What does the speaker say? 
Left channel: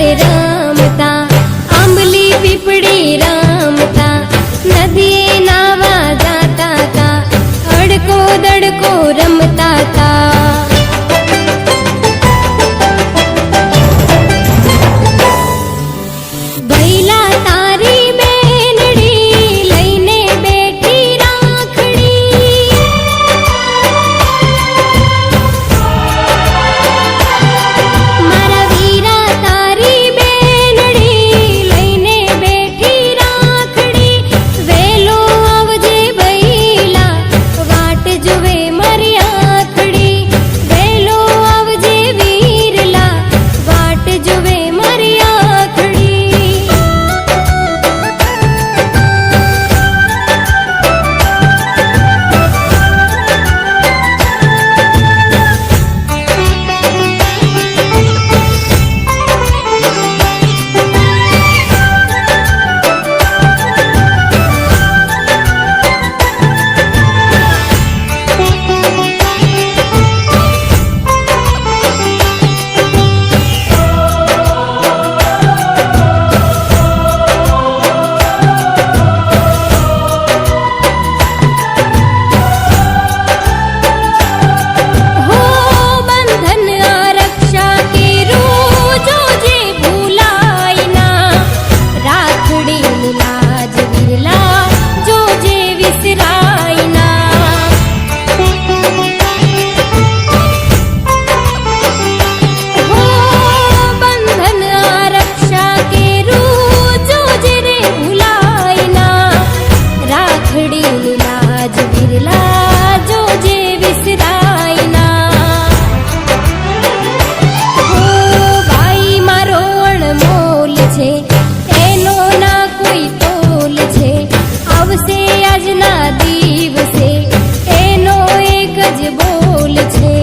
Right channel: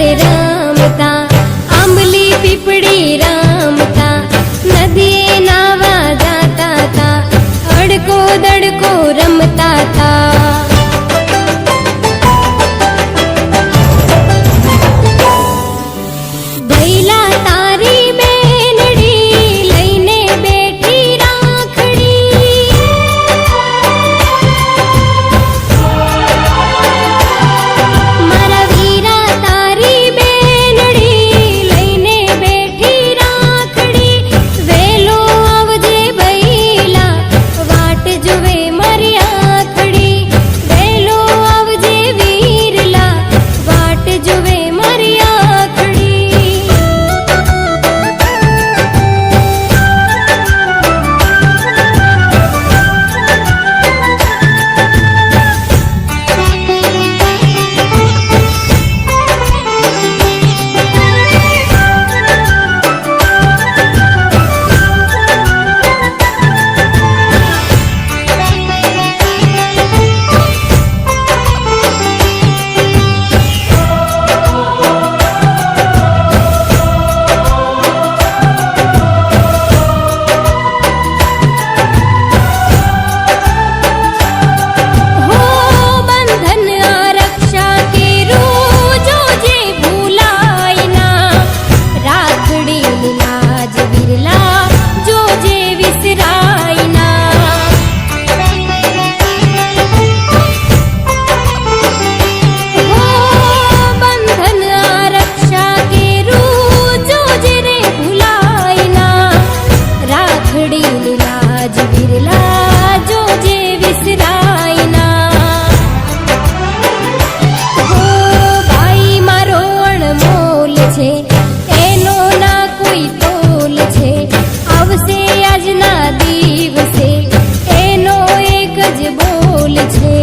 રે રમતા, આંબલી પીપળી રમતા, નદીએ નાવા જાતા તા, અડકો દડકો રમતા તા. ભૈલા તારી બેનડી લઈને બેઠી રાખડી, મારા વીરા તારી બેનડી લઈને બેઠી રાખડી. વેલો આવજે ભૈલા વાટ જુએ મારી આખડી, વેલો આવજે વીરલા વાટ જુએ મારી આખડી. લાજ વિરલા જોજે વિસરાય ના, હો બંધન આરક્ષા કેરું જોજે રે ભૂલાય ના. રાખડી લાજ વિરલા જોજે વિસરાય ના. હો બાઈ મારો અણમોલ છે, એનો ના કોઈ તોલ છે, આવશે આજના દિવસે એનો એક જ બોલ છે.